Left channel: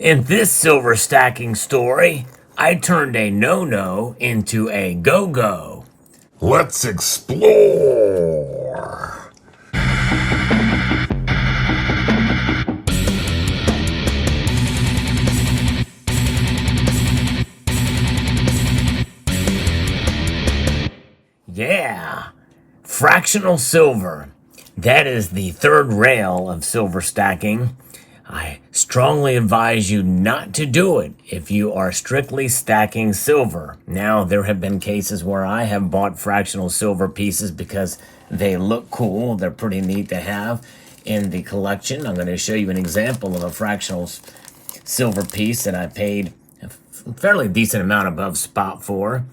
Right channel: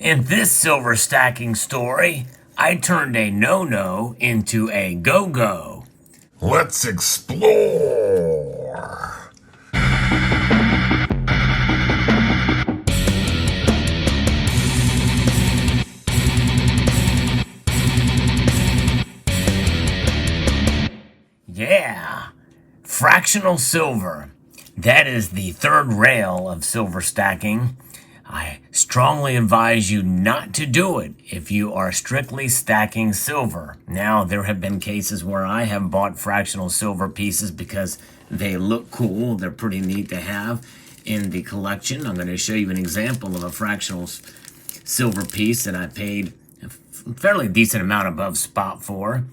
In this silver stacking story, I turned a no-no into a go-go. Let's explore. Yeah, fractional silver. That is the third rail of silver stacking. I strongly advise you not to do it if you are strictly stacking silver. Now, there have been cases where I have bought fractional silver pieces because they look cool. They're pretty neat to have in the collection. I'm going to show you an example of a fractional silver piece that I paid a fairly decent amount above spot for,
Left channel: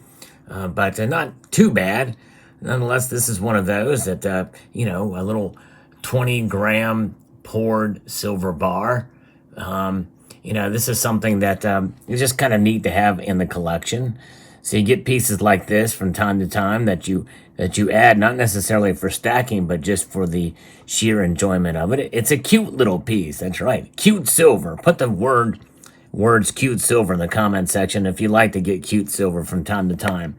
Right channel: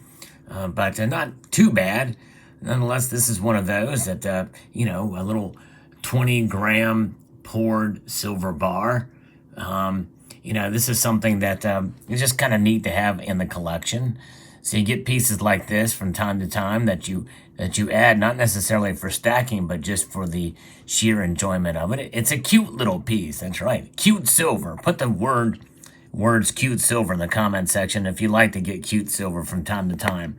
but not too bad. Nonetheless, this is one of those that, a little 20-gram poured silver bar. This is something that is just kind of neat to have in the collection. So you get pieces like this from time to time that you add, not necessarily for stacking, but just for the sheer enjoyment of it. It's a cute little piece. That's right, cute silver. Put the words cute silver in the comment section if you like to get cute silver from time to time.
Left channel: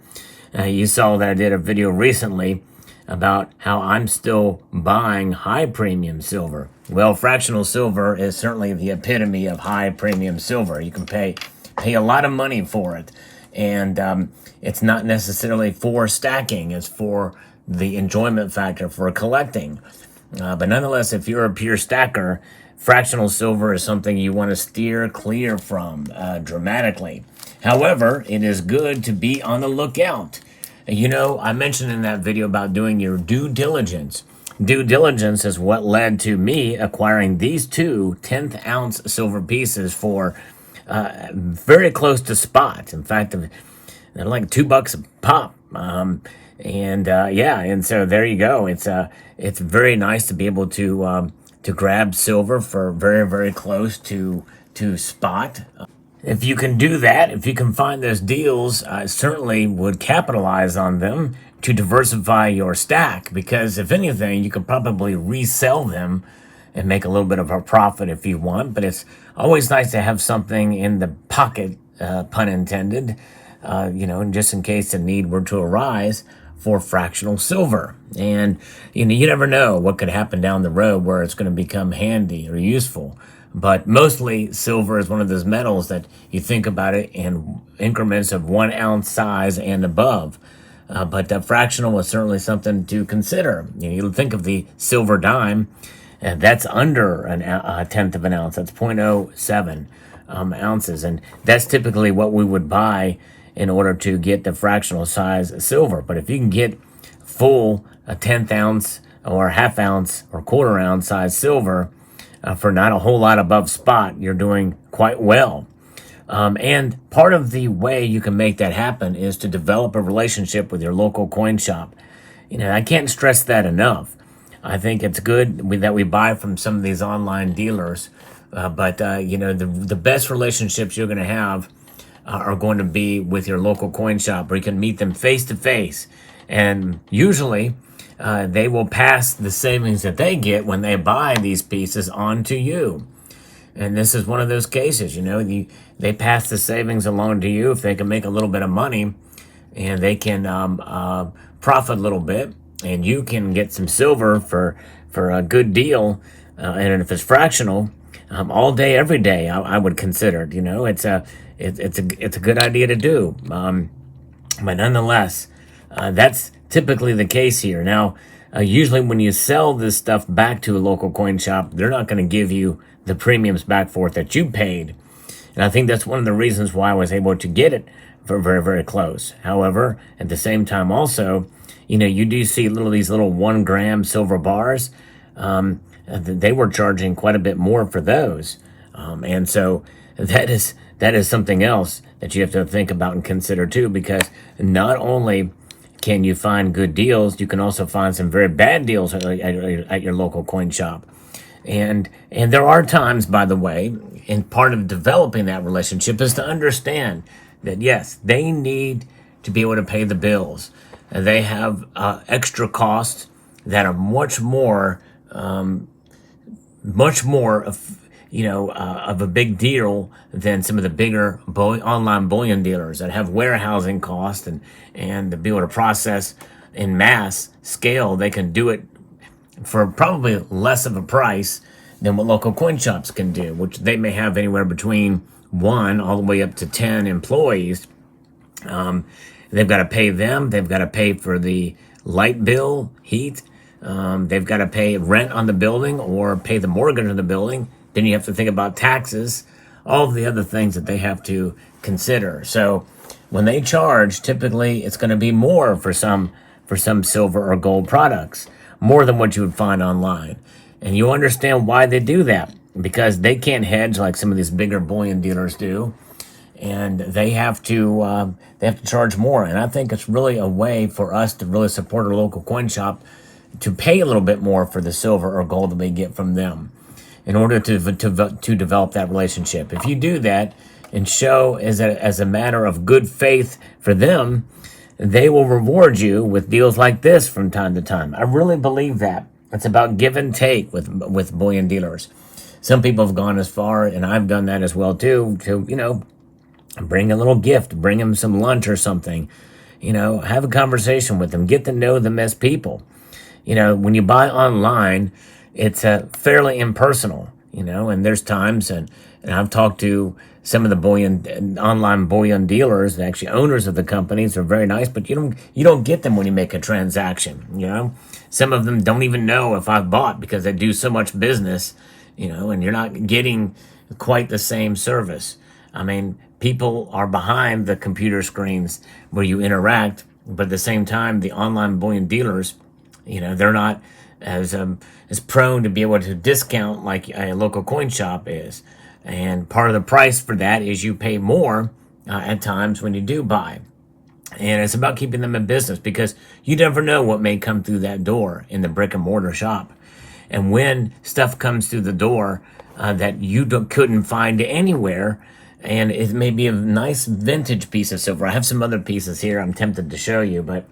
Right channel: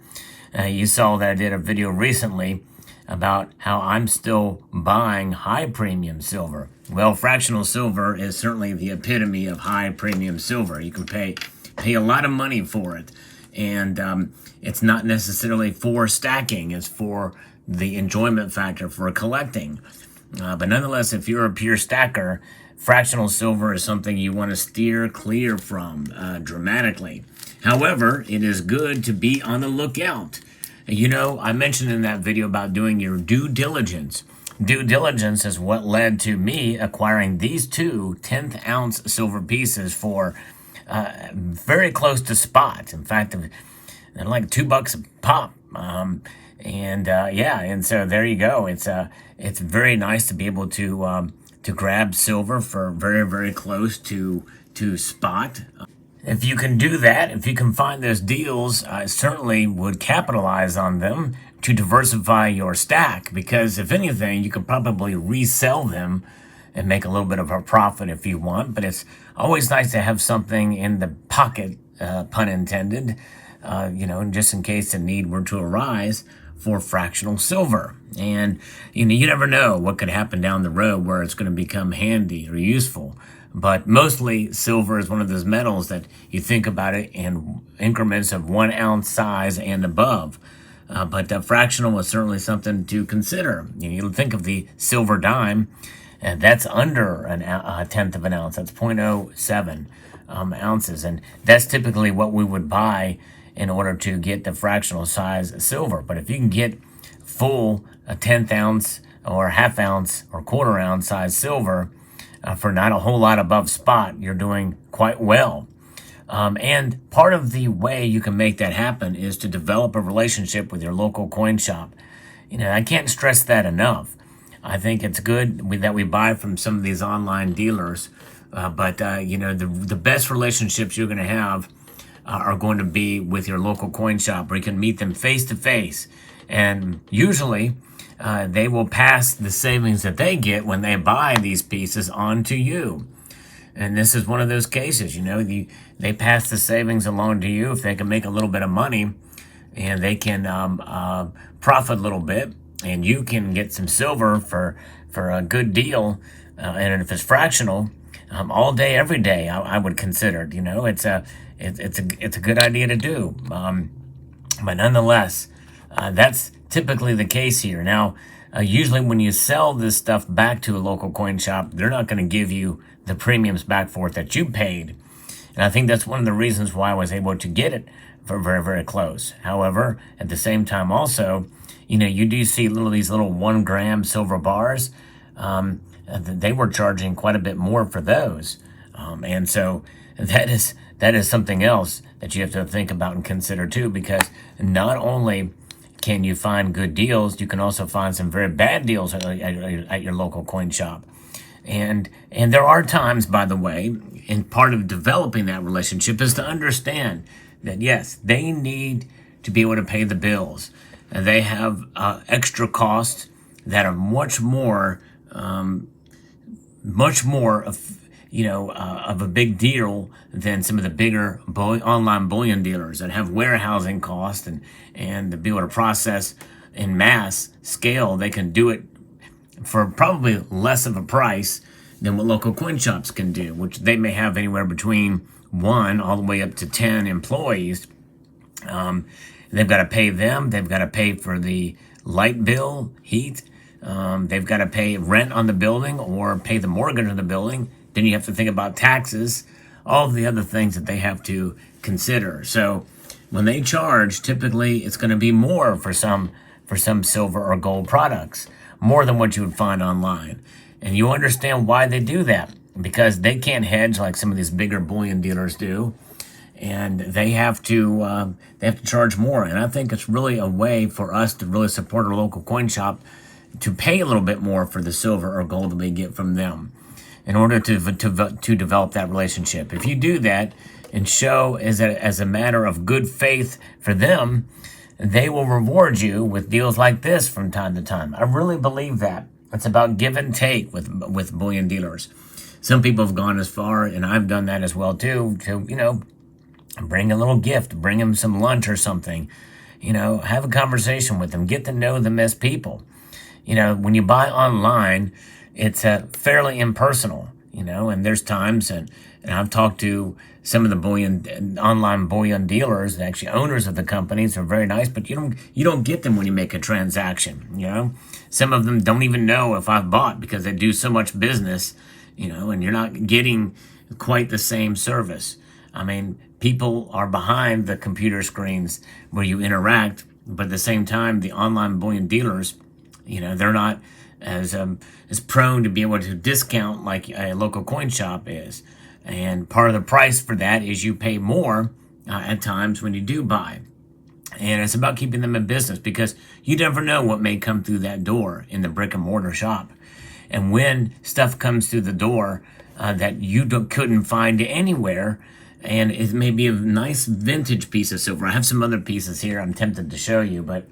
You saw that I did a video recently about how I'm still buying high premium silver. Well, fractional silver is certainly the epitome of high premium silver. You can pay a lot of money for it. And it's not necessarily for stacking. It's for the enjoyment factor for collecting. But nonetheless, if you're a pure stacker, fractional silver is something you want to steer clear from dramatically. However, it is good to be on the lookout. I mentioned in that video about doing your due diligence. Due diligence is what led to me acquiring these two 10th ounce silver pieces for very close to spot. In fact, they're like $2 a pop. And so there you go. It's very nice to be able to grab silver for very, very close to spot. If you can do that, if you can find those deals, I certainly would capitalize on them to diversify your stack, because if anything, you could probably resell them and make a little bit of a profit if you want. But it's always nice to have something in the pocket, pun intended, just in case the need were to arise for fractional silver. And you never know what could happen down the road where it's going to become handy or useful. But mostly silver is one of those metals that you think about it in increments of 1 ounce size and above. But fractional is certainly something to consider. You think of the silver dime, and that's under a tenth of an ounce. That's 0.07 ounces. And that's typically what we would buy in order to get the fractional size silver. But if you can get full a 10th ounce or half ounce or quarter ounce size silver, for not a whole lot above spot, you're doing quite well. And part of the way you can make that happen is to develop a relationship with your local coin shop. I can't stress that enough. I think it's good that we buy from some of these online dealers, but the best relationships you're going to have are going to be with your local coin shop, where you can meet them face to face. And usually, they will pass the savings that they get when they buy these pieces on to you. And this is one of those cases, they pass the savings along to you if they can make a little bit of money, and they can profit a little bit, and you can get some silver for a good deal. And if it's fractional, all day, every day, I would consider it. It's a good idea to do. But nonetheless, that's typically the case here. Now, usually when you sell this stuff back to a local coin shop, they're not going to give you the premiums back for it that you paid. And I think that's one of the reasons why I was able to get it for very, very close. However, at the same time also, you do see these little 1 gram silver bars. They were charging quite a bit more for those. And so that is something else that you have to think about and consider too, because not only can you find good deals, you can also find some very bad deals at your local coin shop. And there are times, by the way, and part of developing that relationship is to understand that, yes, they need to be able to pay the bills. And they have extra costs that are much more of a big deal than some of the bigger online bullion dealers that have warehousing costs and to be able to process in mass scale. They can do it for probably less of a price than what local coin shops can do, which they may have anywhere between 1 all the way up to 10 employees. They've got to pay them. They've got to pay for the light bill, heat. They've got to pay rent on the building or pay the mortgage on the building. Then you have to think about taxes, all of the other things that they have to consider. So when they charge, typically it's going to be more for some silver or gold products, more than what you would find online. And you understand why they do that, because they can't hedge like some of these bigger bullion dealers do. And they have to charge more. And I think it's really a way for us to really support our local coin shop to pay a little bit more for the silver or gold that we get from them in order to develop that relationship. If you do that and show as a matter of good faith for them, they will reward you with deals like this from time to time. I really believe that. It's about give and take with bullion dealers. Some people have gone as far, and I've done that as well too, to, bring a little gift, bring them some lunch or something, have a conversation with them, get to know them as people. When you buy online, it's fairly impersonal, and there's times, and I've talked to some of the online bullion dealers, actually owners of the companies are very nice, but you don't get them when you make a transaction, Some of them don't even know if I've bought because they do so much business, and you're not getting quite the same service. I mean, people are behind the computer screens where you interact, but at the same time, the online bullion dealers, they're not as prone to be able to discount like a local coin shop is. And part of the price for that is you pay more at times when you do buy. And it's about keeping them in business because you never know what may come through that door in the brick and mortar shop. And when stuff comes through the door that you couldn't find anywhere, and it may be a nice vintage piece of silver. I have some other pieces here I'm tempted to show you, but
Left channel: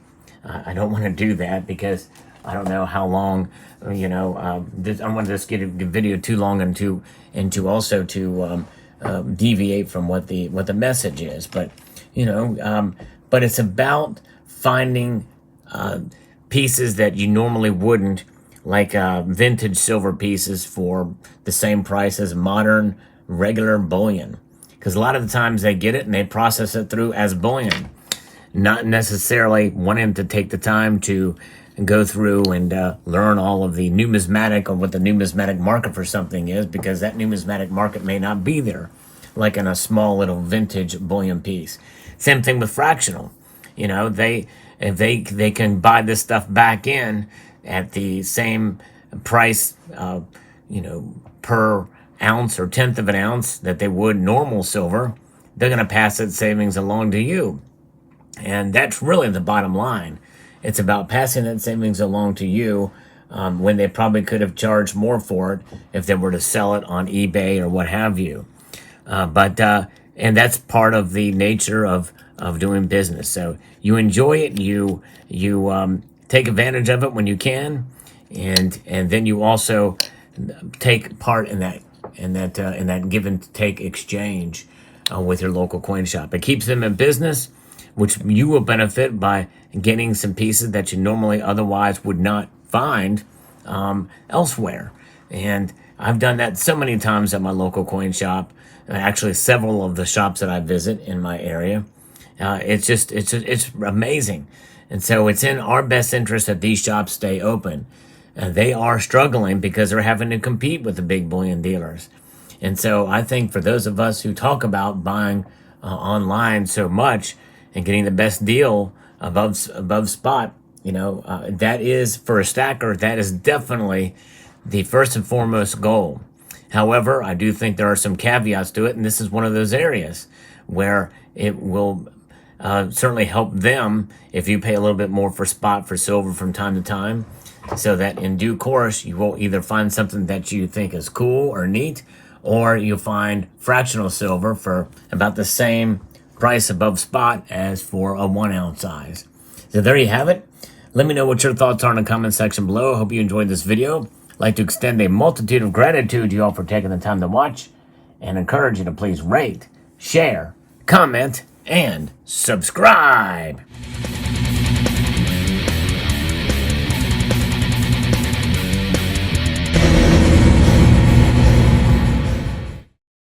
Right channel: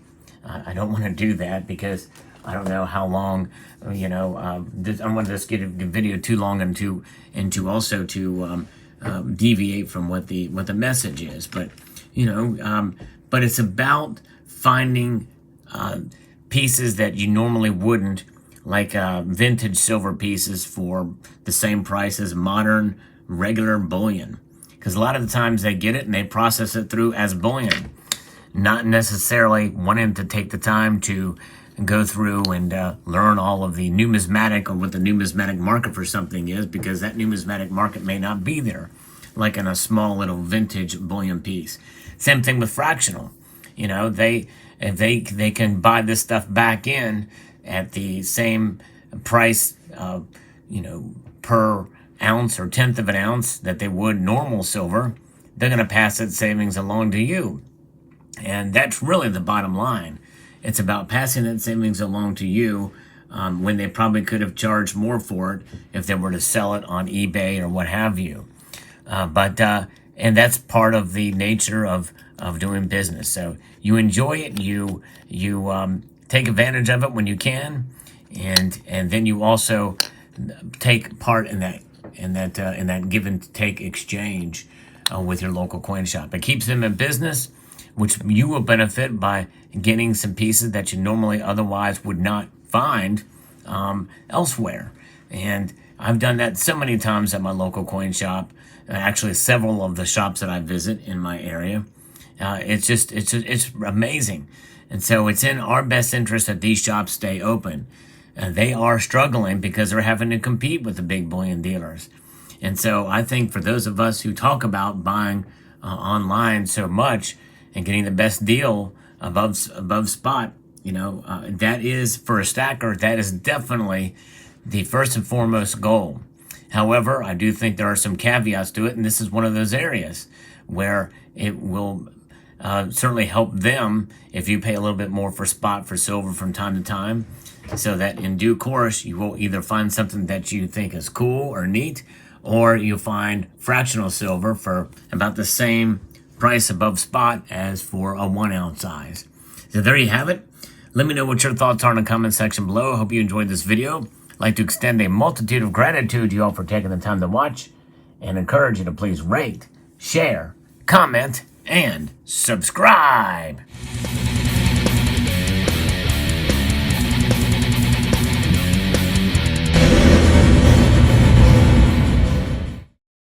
I don't want to do that because I don't know how long, I don't want to just get a video too long and to also to deviate from what the message is. But, but it's about finding pieces that you normally wouldn't, like vintage silver pieces for the same price as modern regular bullion. Because a lot of the times they get it and they process it through as bullion, not necessarily wanting to take the time to go through and learn all of the numismatic or what the numismatic market for something is, because that numismatic market may not be there, like in a small little vintage bullion piece. Same thing with fractional. They can buy this stuff back in at the same price, per ounce or tenth of an ounce that they would normal silver. They're going to pass that savings along to you. And that's really the bottom line. It's about passing that savings along to you when they probably could have charged more for it if they were to sell it on eBay or what have you. And that's part of the nature of doing business. So you enjoy it, you take advantage of it when you can, and then you also take part in that give and take exchange with your local coin shop. It keeps them in business, which you will benefit by getting some pieces that you normally otherwise would not find elsewhere. And I've done that so many times at my local coin shop, actually several of the shops that I visit in my area. It's amazing. And so it's in our best interest that these shops stay open. They are struggling because they're having to compete with the big bullion dealers. And so I think for those of us who talk about buying online so much and getting the best deal above spot, that is, for a stacker, that is definitely the first and foremost goal. However, I do think there are some caveats to it, and this is one of those areas where it will certainly help them if you pay a little bit more for spot for silver from time to time, so that in due course you will either find something that you think is cool or neat, or you'll find fractional silver for about the same price above spot as for a 1 ounce size. So there you have it. Let me know what your thoughts are in the comment section below. I hope you enjoyed this video. I'd like to extend a multitude of gratitude to you all for taking the time to watch and encourage you to please rate, share, comment, and subscribe.